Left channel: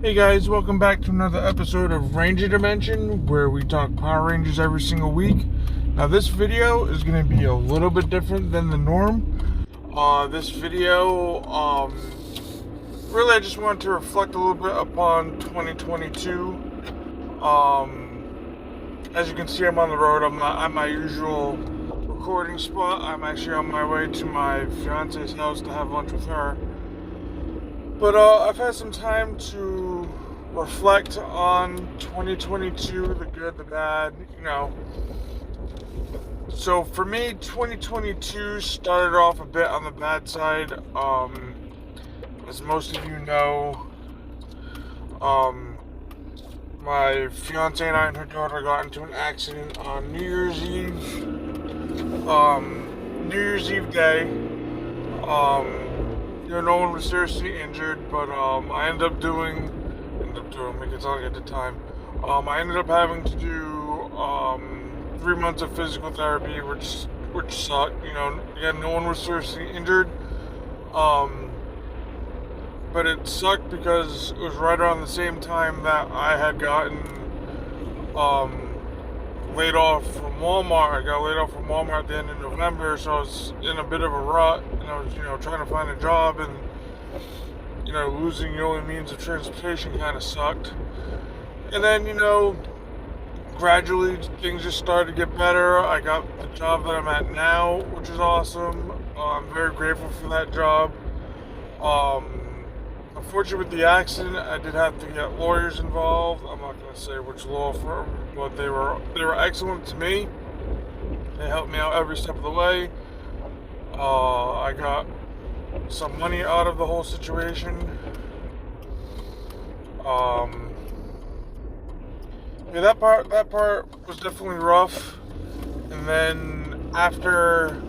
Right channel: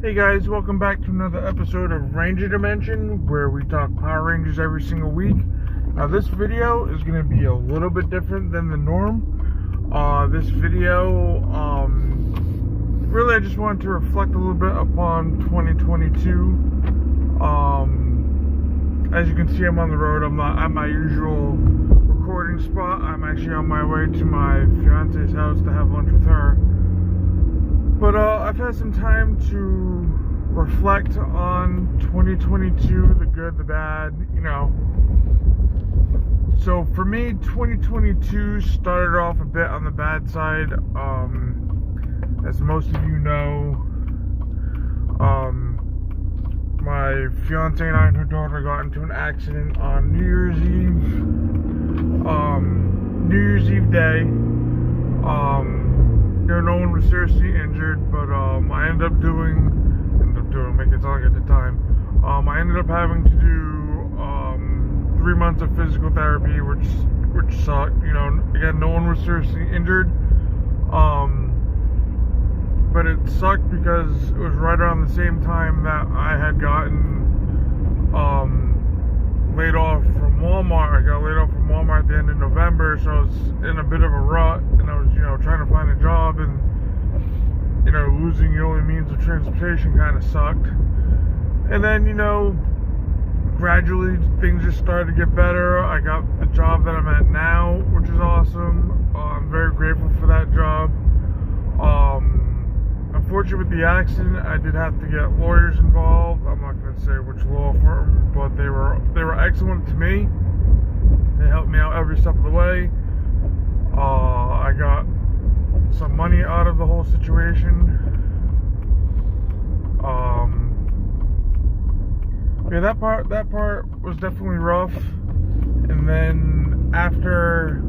Hey guys, welcome back to another episode of Ranger Dimension, where we talk Power Rangers every single week. Now this video is going to be a little bit different than the norm. This video, really I just wanted to reflect a little bit upon 2022. As you can see, I'm on the road. I'm not at my usual recording spot. I'm actually on my way to my fiance's house to have lunch with her. But I've had some time to reflect on 2022, the good, the bad, So for me, 2022 started off a bit on the bad side. As most of you know, my fiance and I and her daughter got into an accident on New Year's Eve. New Year's Eve day. No one was seriously injured, but I ended up doing, make it sound like at the time, I ended up having to do 3 months of physical therapy, which sucked. Again, no one was seriously injured, but it sucked because it was right around the same time that I had gotten laid off from Walmart. I got laid off from Walmart at the end of November, so I was in a bit of a rut, and I was, trying to find a job, and, losing your only means of transportation kind of sucked. And then, gradually things just started to get better. I got the job that I'm at now, which is awesome. I'm very grateful for that job. Unfortunately, with the accident, I did have to get lawyers involved. I'm not going to say which law firm, but they were excellent to me. They helped me out every step of the way. I got some money out of the whole situation. Yeah, that part was definitely rough. And then after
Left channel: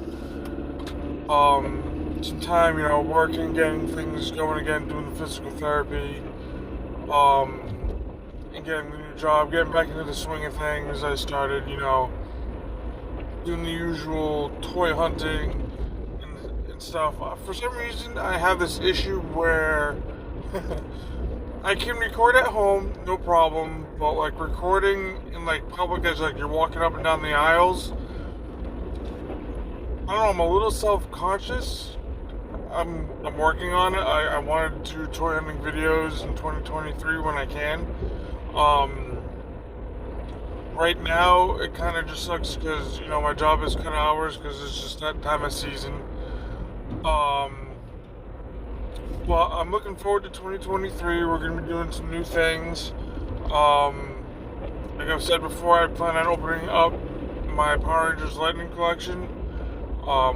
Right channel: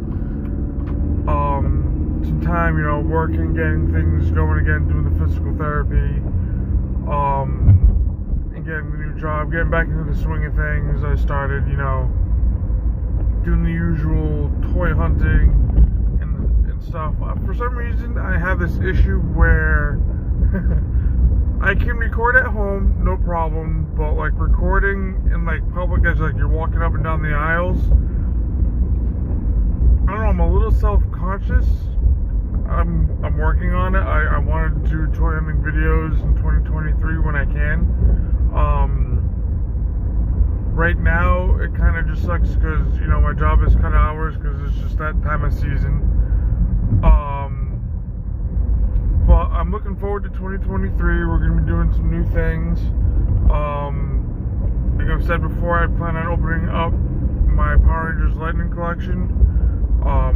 some time, working, getting things going again, doing the physical therapy, and getting the new job, getting back into the swing of things, I started, doing the usual toy hunting and stuff. For some reason, I have this issue where I can record at home, no problem, but like recording in like public, as like you're walking up and down the aisles, I don't know, I'm a little self-conscious. I'm working on it. I want to do toy hunting videos in 2023 when I can. Right now, it kind of just sucks because, my job is cut of hours because it's just that time of season. But I'm looking forward to 2023. We're going to be doing some new things. Like I've said before, I plan on opening up my Power Rangers Lightning collection.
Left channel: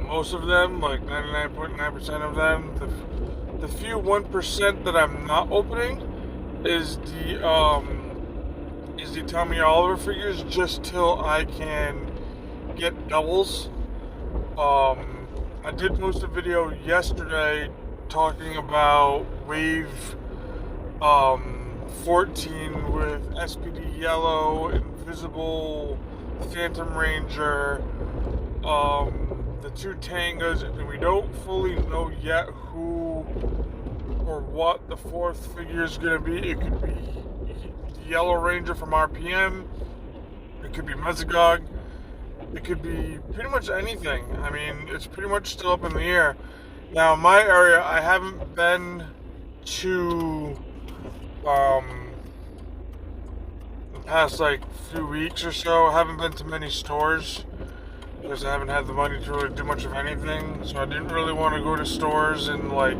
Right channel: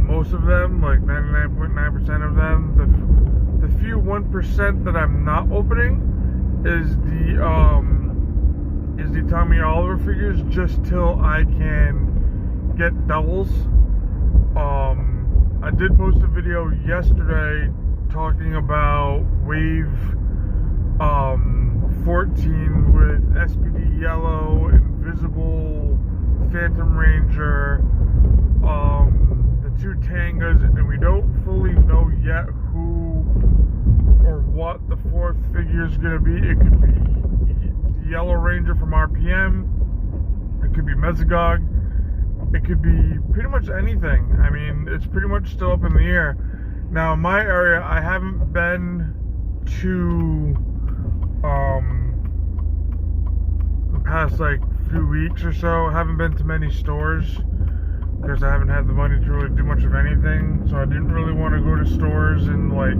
Most of them, like 99.9% of them, the few 1% that I'm not opening is the Tommy Oliver figures, just till I can get doubles. I did post a video yesterday talking about Wave 14 with SPD Yellow, Invisible, Phantom Ranger, the 2 Tangas, and we don't fully know yet who or what the 4th figure is going to be. It could be the Yellow Ranger from RPM, it could be Mesogog, it could be pretty much anything. I mean, it's pretty much still up in the air. Now, in my area, I haven't been to the past like few weeks or so. I haven't been to many stores because I haven't had the money to really do much of anything. So I didn't really want to go to stores and like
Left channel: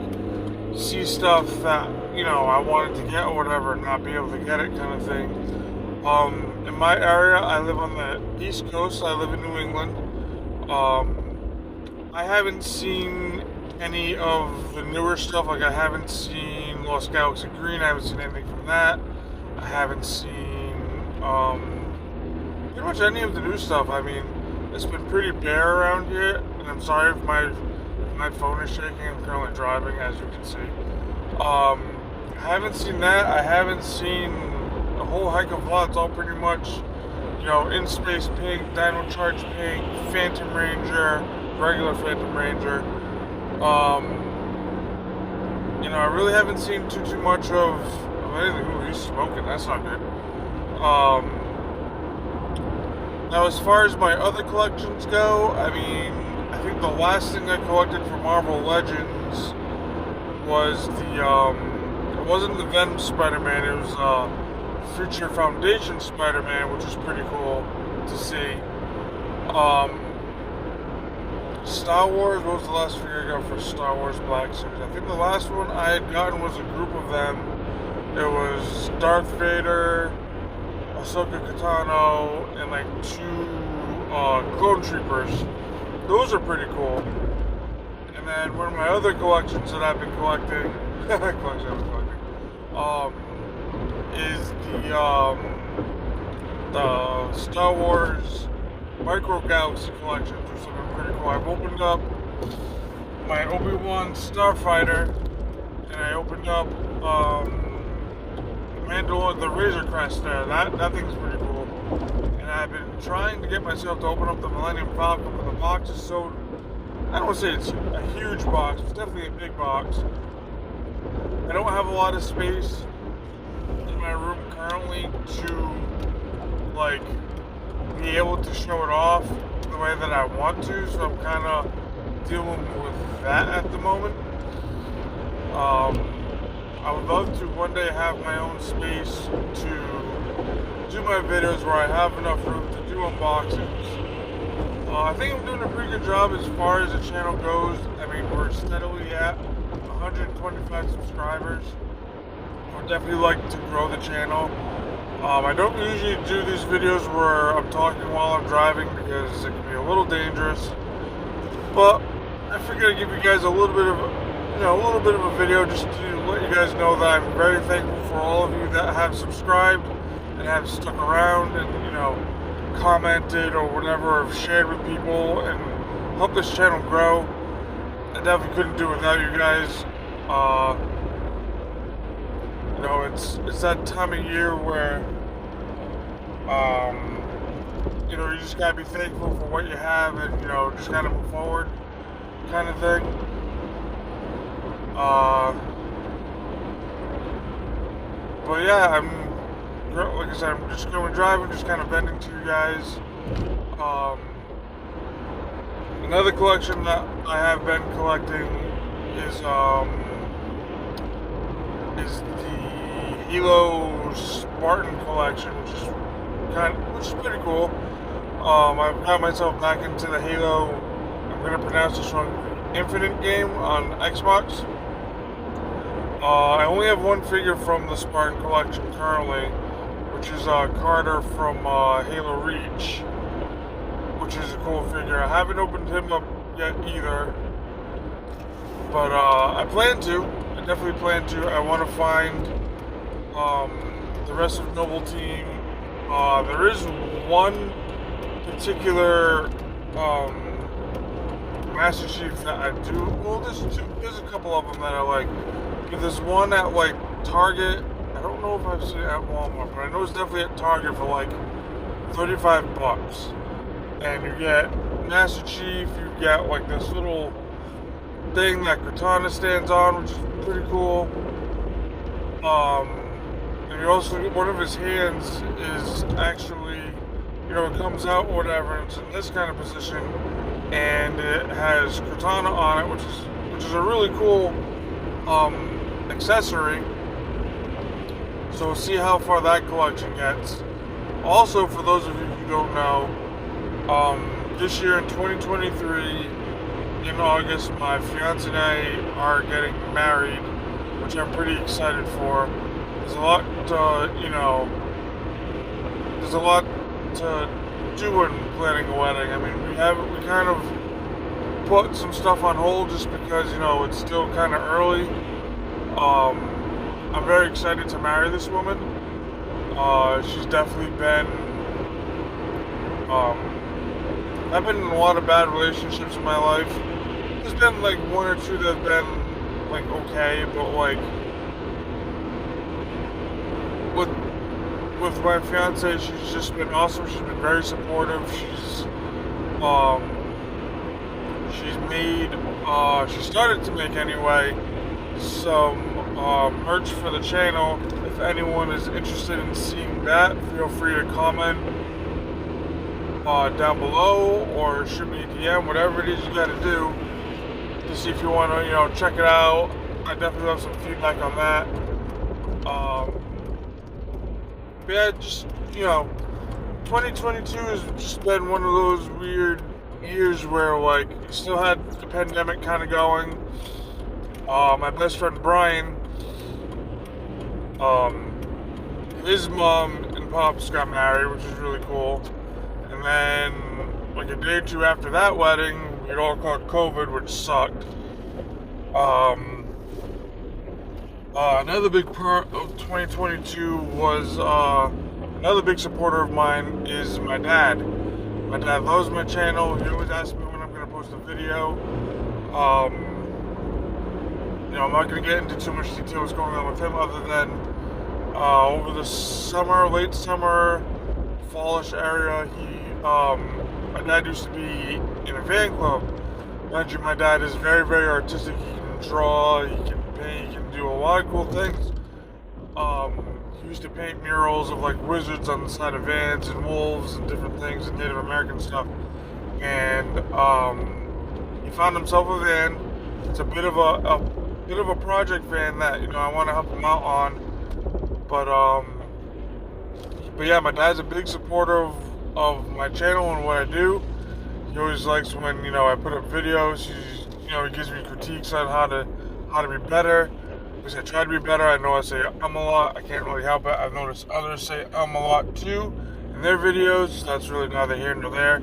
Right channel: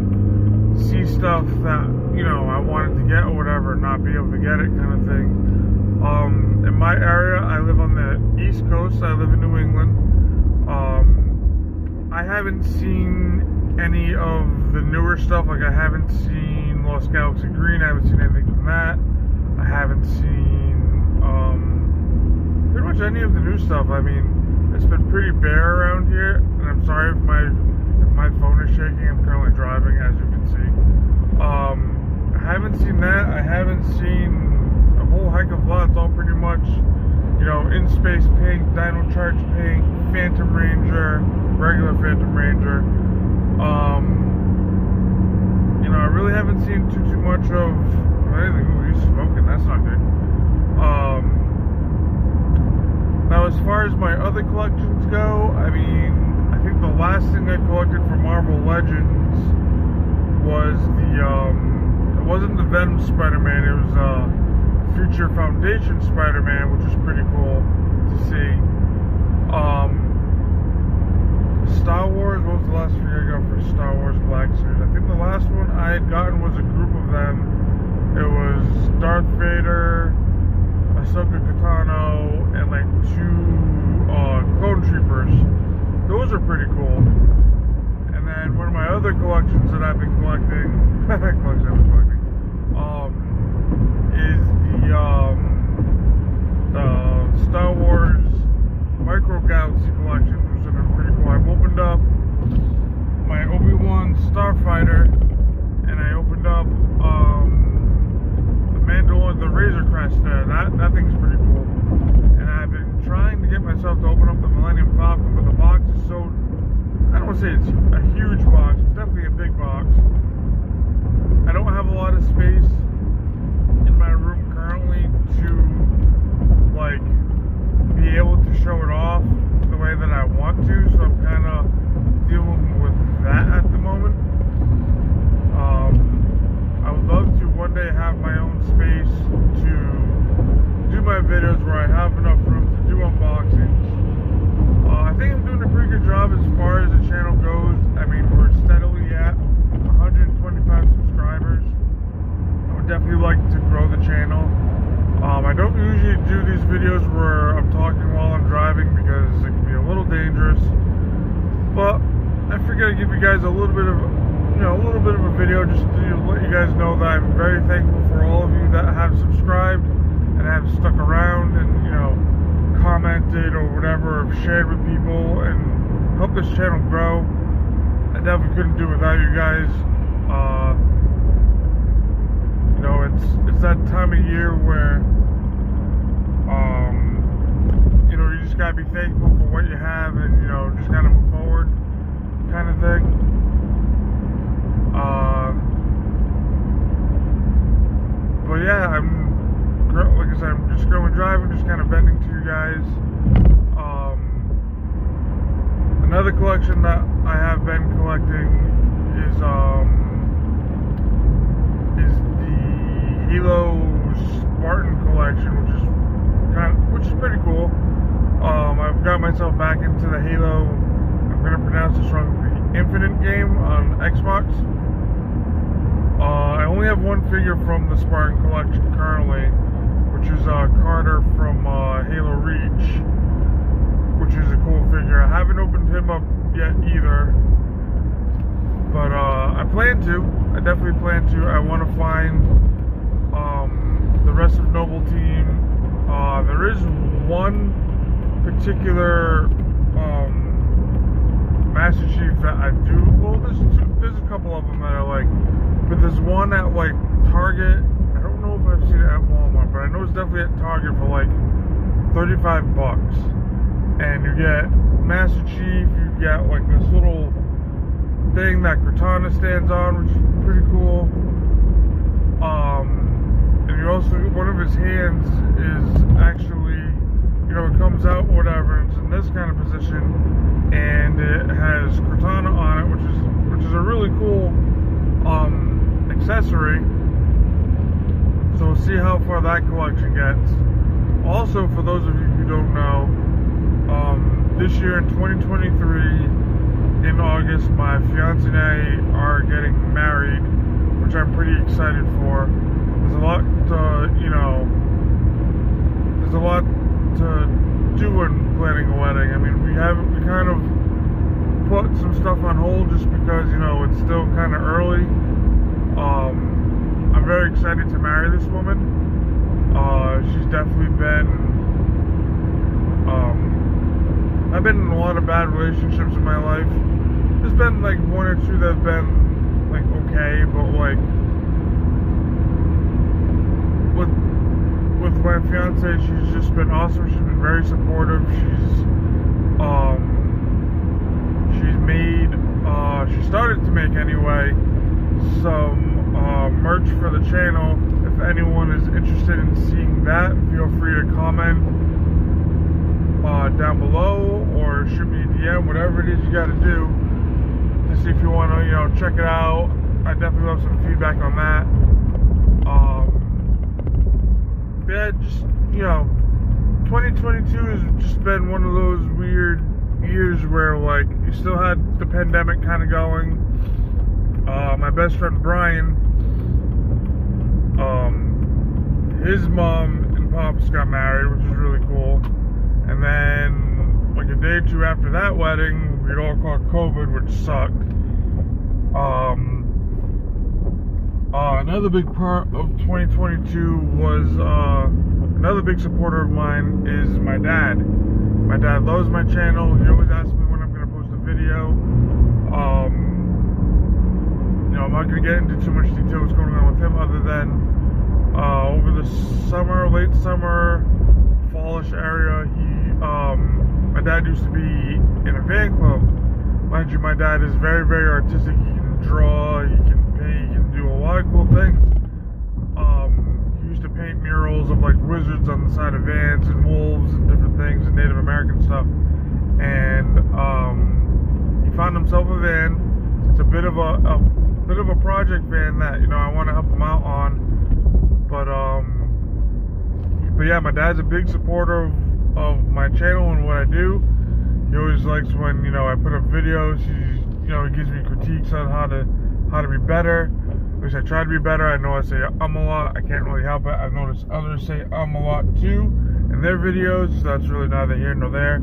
see stuff that, I wanted to get or whatever and not be able to get it, kind of thing. In my area, I live on the East Coast. I live in New England. I haven't seen any of the newer stuff. Like I haven't seen Lost Galaxy Green. I haven't seen anything from that. I haven't seen pretty much any of the new stuff. I mean, it's been pretty bare around here, and I'm sorry if my phone is shaking. I'm currently driving, as you can see. I haven't seen that. I haven't seen a whole heck of a lot. It's all pretty much, In Space Pink, Dino Charge Pink, Phantom Ranger, regular Phantom Ranger. I really haven't seen too much of If anything, ooh, he's smoking. That's not good. Now, as far as my other collections go, I mean, I think the last thing I collected for Marvel Legends was it wasn't the Venom Spider-Man, it was Future Foundation Spider-Man, which was pretty cool to see. Star Wars, what was the last figure I got for Star Wars Black Series? I think the last one I had gotten was a group of them. It was Darth Vader, Ahsoka Tano, and like 2 clone troopers. Those are pretty cool. And then one of my other collections that I've been collecting, is the Star Wars Micro Galaxy collections, which have been pretty cool. I've opened up my Obi-Wan Starfighter, and I opened up the Mandalorian, the Razor Crest there. That thing's pretty cool. And I've been trying to get myself to open up the Millennium Falcon, but the box is so, I don't want to say it's a huge box, it's definitely a big box. I don't have a lot of space in my room currently to like be able to show it off the way that I want to, so I'm kind of dealing with that at the moment. I would love to one day have my own space to do my videos where I have enough room to do unboxings. I think I'm doing a pretty good job as far as the channel goes. I mean, we're steadily at 125 subscribers. I would definitely like to grow the channel. I don't usually do these videos where I'm talking while I'm driving because it can be a little dangerous. But I figured I'd give you guys a little bit of a video just to let you guys know that I'm very thankful for all of you that have subscribed and have stuck around and, commented or whatever, or shared with people and helped this channel grow. I definitely couldn't do it without you guys. It's that time of year where you just gotta be thankful for what you have and just kind of move forward, kind of thing. But yeah, like I said, I'm just going driving, just kind of venting to you guys. Another collection that I have been collecting is the Halo Spartan collection, which is pretty cool. I've got myself back into the Halo, I'm gonna pronounce this wrong, the Infinite game on Xbox. I only have one figure from the Spartan collection currently, which is Carter from Halo Reach, which is a cool figure. I haven't opened him up yet either, but I plan to. I definitely plan to. I want to find the rest of Noble Team. There is one particular Master Chief that I do. Well, there's a couple of them that I like, but there's one at like Target. I don't know if I've seen it at Walmart, but I know it's definitely at Target for like $35. And you get Master Chief, you get like this little thing that Cortana stands on, which is pretty cool. And you also, one of his hands is actually, it comes out or whatever, and it's in this kind of position, and it has Cortana on it, which is a really cool accessory. So we'll see how far that collection gets. Also, for those of you who don't know, this year in 2023, in August, my fiance and I are getting married, which I'm pretty excited for. There's a lot to do in planning a wedding. I mean, we kind of put some stuff on hold just because, it's still kind of early. I'm very excited to marry this woman. She's definitely been, I've been in a lot of bad relationships in my life. There's been like one or two that have been like okay, but like with my fiance, she's just been awesome. She's been very supportive. She started to make anyway some merch for the channel. If if anyone is interested in seeing that, feel free to comment down below or shoot me a DM, whatever it is you got to do to see if you want to, check it out. I definitely love some feedback on that. But yeah, just, 2022 has just been one of those weird years where, like, you still had the pandemic kind of going. My best friend Brian, his mom and pops got married, which is really cool. And then, like, a day or two after that wedding, we'd all caught COVID, which sucked. Another big part of 2022 was, another big supporter of mine is my dad. My dad loves my channel. He always asks me when I'm going to post a video. I'm not going to get into too much detail what's going on with him, other than over the summer, late summer, fallish area, my dad used to be in a fan club. Mind you, my dad is very, very artistic. He can draw, he can paint, he can do a lot of cool things. He used to paint murals of, like, wizards on the side of vans and wolves and different things and Native American stuff. And he found himself a van. It's a bit of a project van that I want to help him out on. But yeah, my dad's a big supporter of my channel and what I do. He always likes when I put up videos. He gives me critiques on how to be better. At least I try to be better. I know I say a lot. I can't really help it. I've noticed others say a lot too in their videos. So that's really neither here nor there.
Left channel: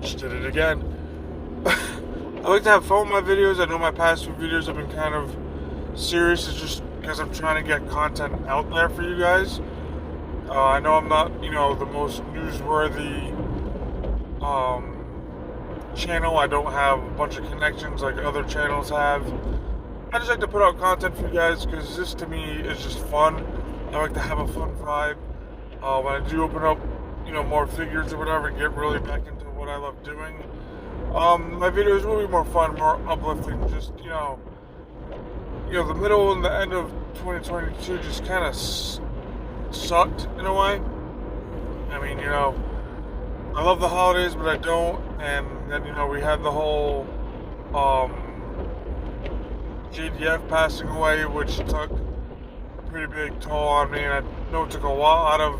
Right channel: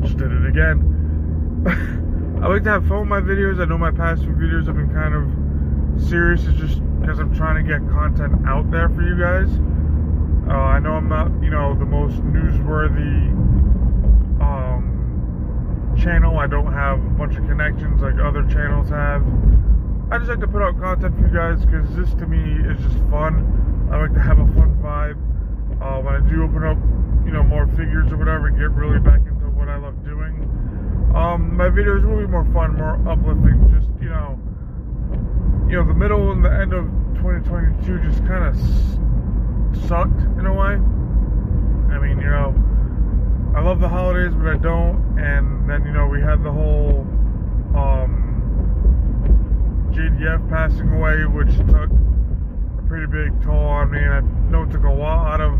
Just did it again. I like to have fun with my videos. I know my past few videos have been kind of serious. It's just because I'm trying to get content out there for you guys. I know I'm not, the most newsworthy channel. I don't have a bunch of connections like other channels have. I just like to put out content for you guys because this, to me, is just fun. I like to have a fun vibe. When I do open up, more figures or whatever, and get really back into what I love doing, my videos will be more fun, more uplifting. Just, the middle and the end of 2022 just kind of sucked in a way. I mean, I love the holidays, but I don't. And then, we had the whole JDF passing away, which took a pretty big toll on me. And I know it took a lot of,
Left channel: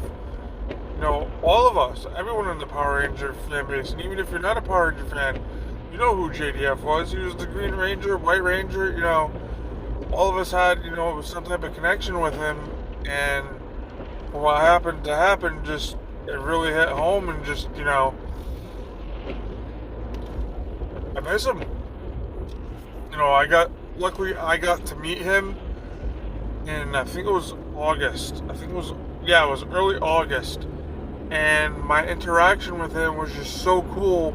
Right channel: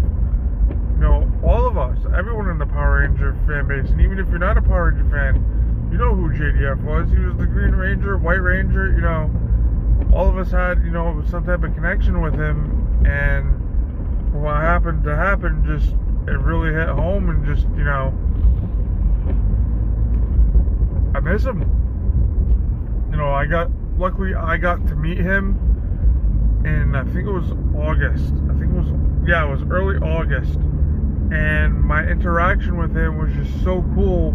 all of us, everyone in the Power Ranger fan base. And even if you're not a Power Ranger fan, you know who JDF was. He was the Green Ranger, White Ranger, all of us had, some type of connection with him. And what happened to happen, just, it really hit home, and just, I miss him. Luckily I got to meet him in, I think it was August. It was early August. And my interaction with him was just so cool.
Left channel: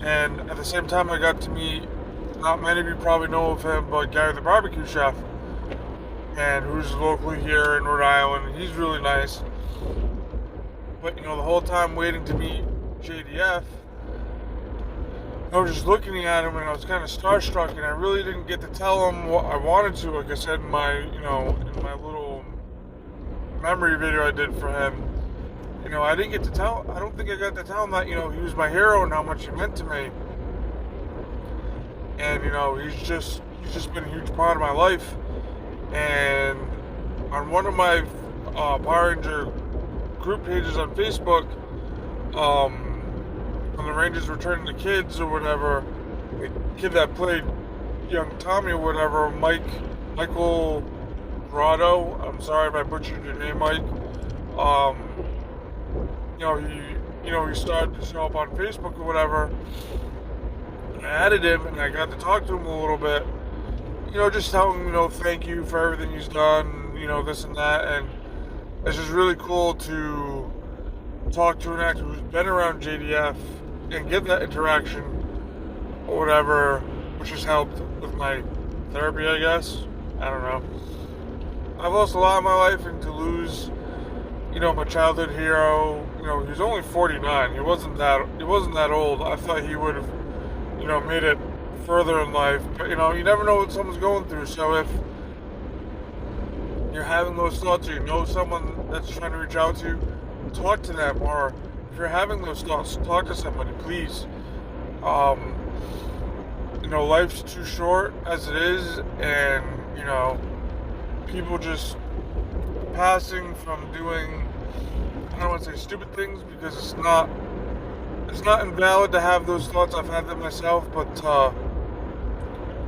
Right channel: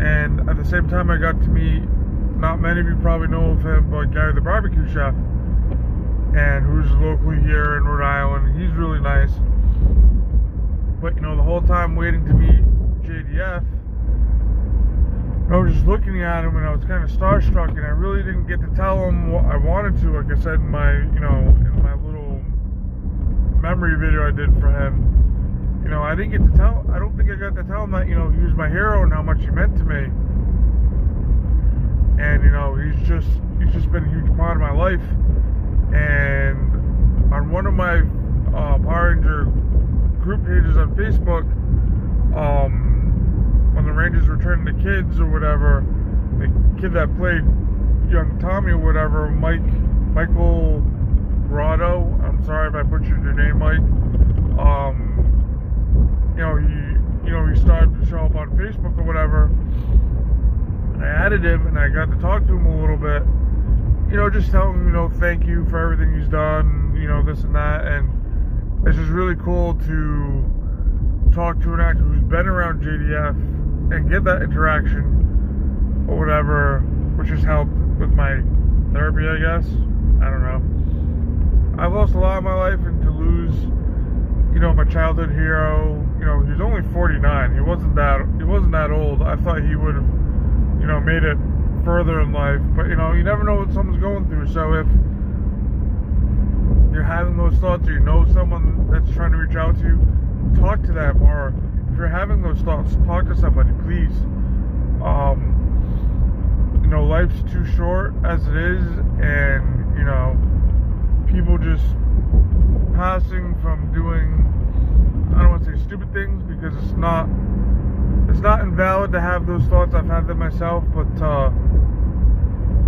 And at the same time, I got to meet, not many of you probably know of him, but Gary the barbecue chef, and who's locally here in Rhode Island. He's really nice. But the whole time waiting to meet JDF, I was just looking at him, and I was kind of starstruck, and I really didn't get to tell him what I wanted to. Like I said in my, in my little memory video I did for him, I didn't get to tell. I don't think I got to tell him that, he was my hero and how much he meant to me. And he's just been a huge part of my life. And on one of my Power Ranger group pages on Facebook, when the Rangers were turning to kids or whatever, the kid that played young Tommy or whatever, Michael Grotto, I'm sorry if I butchered your name, Mike. He started to show up on Facebook or whatever, and I added him, and I got to talk to him a little bit. Just tell him, thank you for everything he's done, this and that. And it's just really cool to talk to an actor who's been around JDF and get that interaction or whatever, which has helped with my therapy, I guess. I don't know. I've lost a lot in my life, and to lose, my childhood hero, he was only 49. He wasn't that old. I thought he would have, made it further in life, but you never know what someone's going through. So if you're having those thoughts, or you know someone that's trying to reach out to you, talk to them. Or if you're having those thoughts, talk to somebody, please. Life's too short as it is, and people just passing from doing, I don't want to say stupid things, because it's not invalid to have those thoughts. I've had them myself, but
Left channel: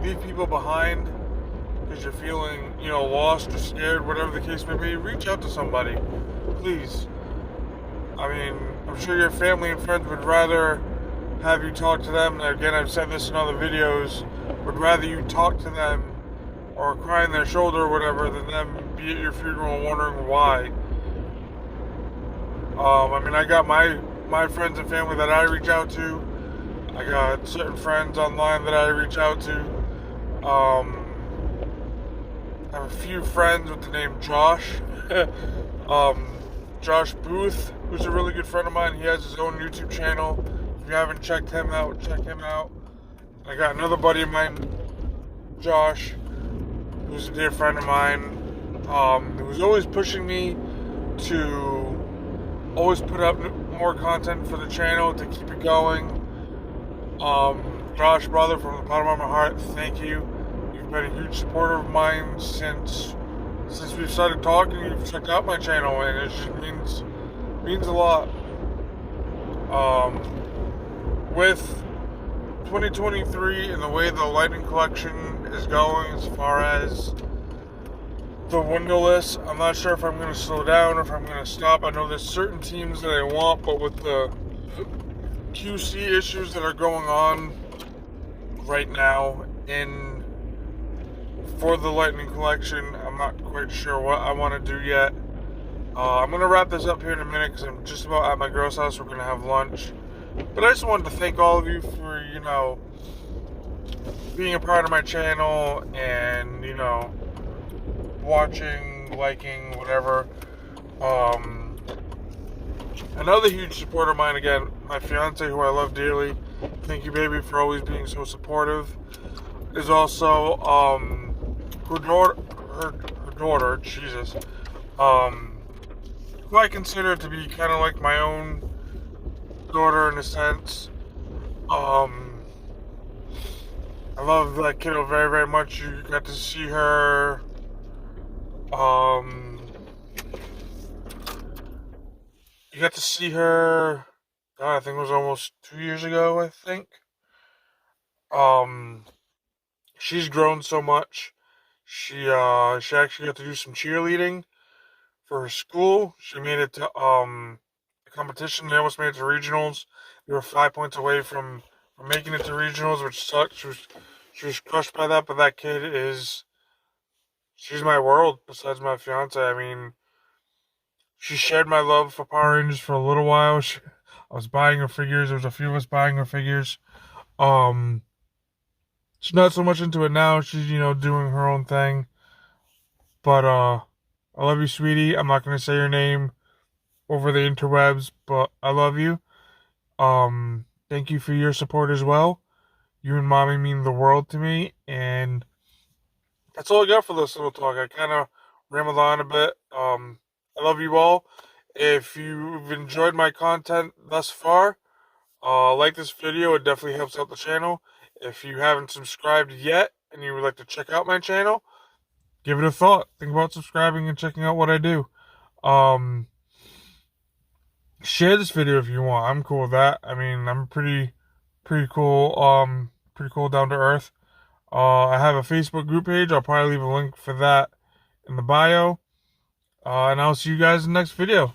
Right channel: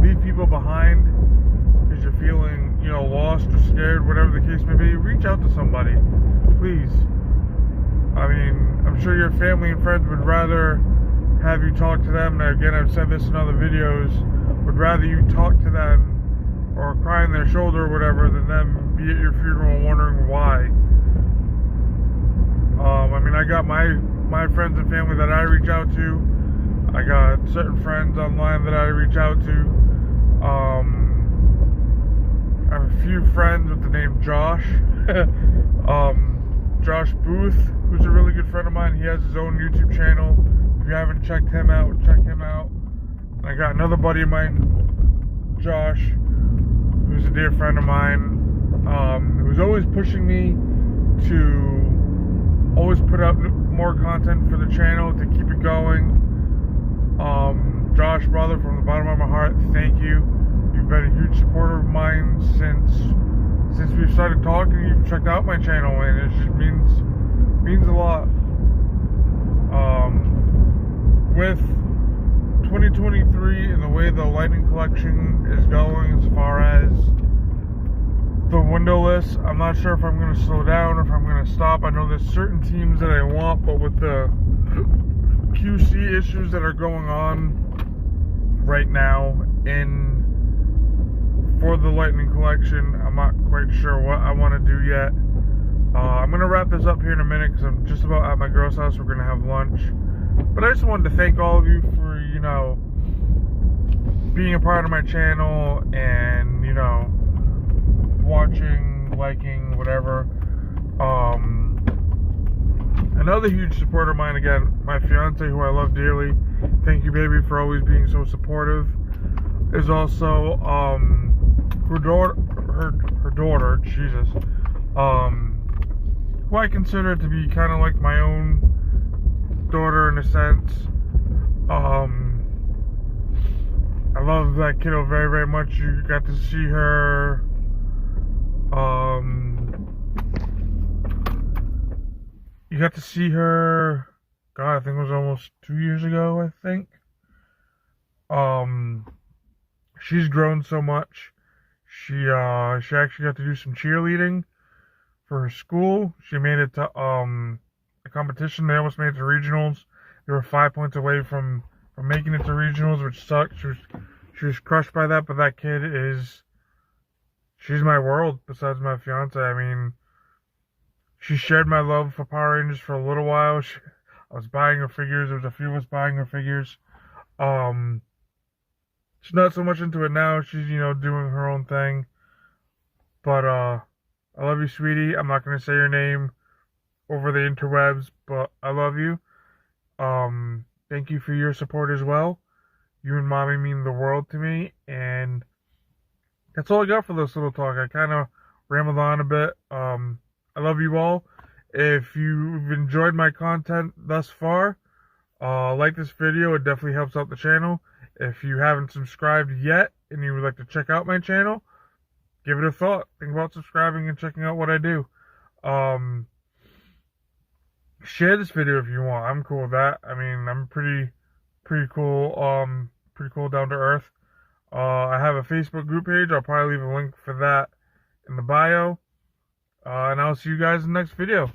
leave people behind because you're feeling, lost or scared, whatever the case may be. Reach out to somebody, please. I mean, I'm sure your family and friends would rather have you talk to them. And again, I've said this in other videos, would rather you talk to them or cry on their shoulder or whatever than them be at your funeral wondering why. I got my friends and family that I reach out to. I got certain friends online that I reach out to. I have a few friends with the name Josh. Josh Booth, who's a really good friend of mine. He has his own YouTube channel. If you haven't checked him out, check him out. I got another buddy of mine, Josh, who's a dear friend of mine, who's always pushing me to always put up more content for the channel to keep it going. Josh, brother, from the bottom of my heart, thank you. You've been a huge supporter of mine since we've started talking. You've checked out my channel, and it just means a lot. With 2023 and the way the Lightning Collection is going as far as the windowless, I'm not sure if I'm going to slow down or if I'm going to stop. I know there's certain teams that I want, but with the QC issues that are going on right now for the Lightning Collection, I'm not quite sure what I want to do yet. I'm going to wrap this up here in a minute because I'm just about at my girl's house. We're going to have lunch. But I just wanted to thank all of you for, being a part of my channel and, watching, liking, whatever. Another huge supporter of mine, again, my fiance, who I love dearly. Thank you, baby, for always being so supportive. Is also her daughter, Jesus, who I consider to be kind of like my own daughter in a sense. I love that kiddo very, very much. You got to see her. You got to see her. God, I think it was almost 2 years ago. I think. She's grown so much. She actually got to do some cheerleading for her school. She made it to a competition. They almost made it to regionals. They were 5 points away from making it to regionals, which sucked. She was crushed by that. But that kid she's my world besides my fiance. I mean, she shared my love for Power Rangers for a little while. I was buying her figures. There was a few of us buying her figures. She's not so much into it now. She's, doing her own thing. But I love you, sweetie. I'm not going to say your name over the interwebs, but I love you. Thank you for your support as well. You and mommy mean the world to me, and that's all I got for this little talk. I kind of rambled on a bit. I love you all. If you've enjoyed my content thus far, like this video. It definitely helps out the channel. If you haven't subscribed yet and you would like to check out my channel, give it a thought. Think about subscribing and checking out what I do. Share this video if you want. I'm cool with that. I mean, I'm pretty cool. Pretty cool, down to earth. I have a Facebook group page. I'll probably leave a link for that in the bio. And I'll see you guys in the next video.